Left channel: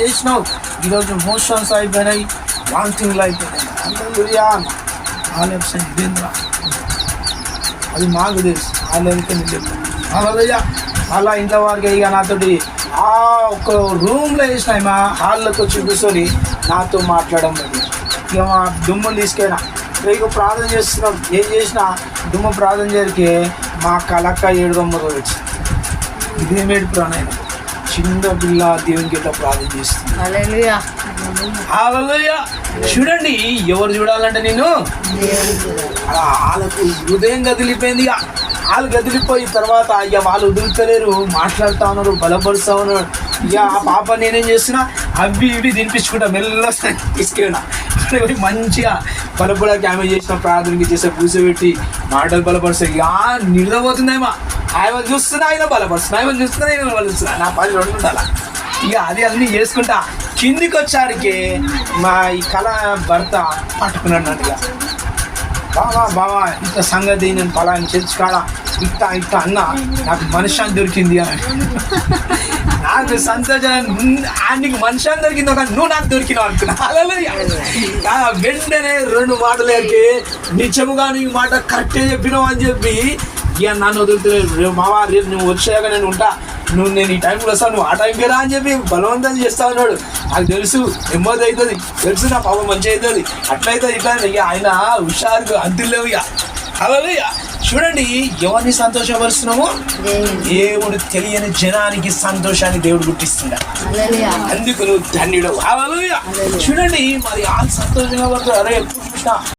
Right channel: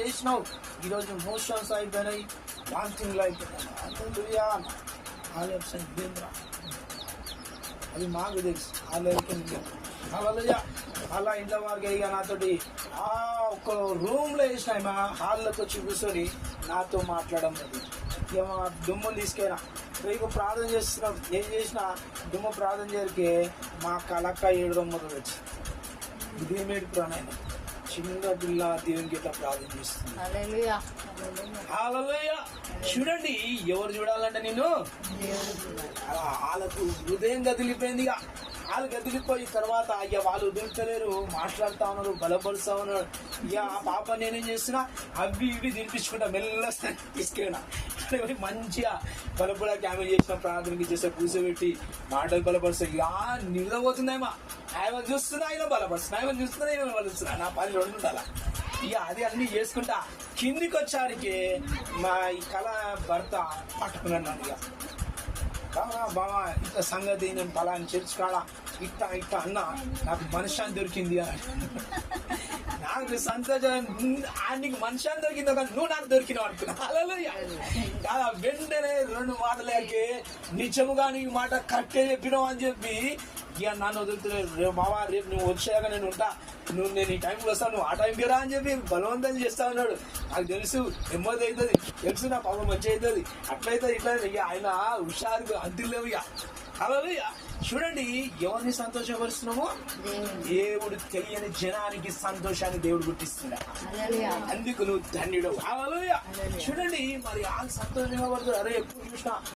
చేసినావు, ఈరోజు మోషన్స్ అయిపోయినాయి, వాంతింగ్లు అయిపోయినాయి. అది మాకు తెలుసు. అలా అలా ఇంట్లో వారికి ఇక నాతోటి ఒక రూమ్లో వేసినాయి, మా హాల్లోకి వచ్చి కూర్చొని నాతో మాట్లాడడం. ఇక మా దుమ్ములు తీసుకెళ్ళినా, ఇక ప్రార్థన చేస్తున్నాం. ఏం చేసినా దుమ్ము ప్రార్థన చేరికే మా కలక్క 7 వచ్చి ఇదేమేడు ప్రాణాయన చిన్న పిల్ల దేవునికి ఎట్లా ప్రార్థన చేస్తుంది. హల్లెలూయా. చూడండి, ఎవరు చూడాలంటే నేను వాళ్ళకు హృదయం కదిలిపోయింది. వాళ్ళు కదిలిపోయిన తర్వాత ఇక వాళ్ళు వదులుతలేరు, మాట్లాడుతూ ఉన్నారు, బలపరుస్తూ ఉన్నారు. ఇక ఆ పాప నేనేం చేస్తున్నా, అవి ఇవి తినిపించుకుంటా మెల్ల తీసుకెళ్ళినా. అక్కడ మంచిగా బలపడానికి ఆమె చేసిన ప్రార్థనకి చేసే కూర్చోబెట్టి మాటలు బలపరుస్తాయి. ఇక నిద్రపోతుందేమో, ఆయన చూస్తున్నా ఆయన బలపరుస్తున్నా, ఆయన చూస్తున్నా ఆయన బలపరుస్తున్నా. నా పని 2 ఉండాలా. ఇక అన్నీ చేసుకుంటా కిందికి వచ్చాడికి మా ఈ కళ భర్త పట్టుకున్నట్టుగా, బావా ఇంత సంగతి నేను పలాని చర్చి కాడ ఇట్ట అన్న నాకు మనశ్శాంతి దొరికింది అని. నాకు సంతోషం, నీకు మనశ్శాంతి దొరికింది ఒక నువ్వు నాకు దొరికినావు అనుకున్నా. వెంటనే 2 మాటలకి నిజముగా నీ మాట కరెక్టే చెప్పినావు అని చెప్పి ఇక నన్ను వదులుతలేదు. మావా రేపు నువ్వు వచ్చాక నేను ఉంటా, నేను ఈ టైంలో వస్తాను, నువ్వు ఆ టైంకి రా అని చెప్పి బలవంతం చేస్తా ఉన్నాడు. నాకు తెలుసు నెమ్మది అవుతుంది, తెలుసు నా పాపం మంచి అవుతుంది, అట్లయితే ఇట్లా. ఇక ఆయన హుషారుగా అంతులేవు. ఇక హల్లెలూయా. చూడండి, ఎవరిని సంతోషపరుస్తున్నామో దేవుడు తెలియని జనానికి సంతోషాన్ని దేవుడు గుర్తిస్తున్నాడు. అందుకు నువ్వు ధన్యుడు. హల్లెలూయా. చూడండి, మరి ఆ సంతోషంగా పడుతుంది. అరే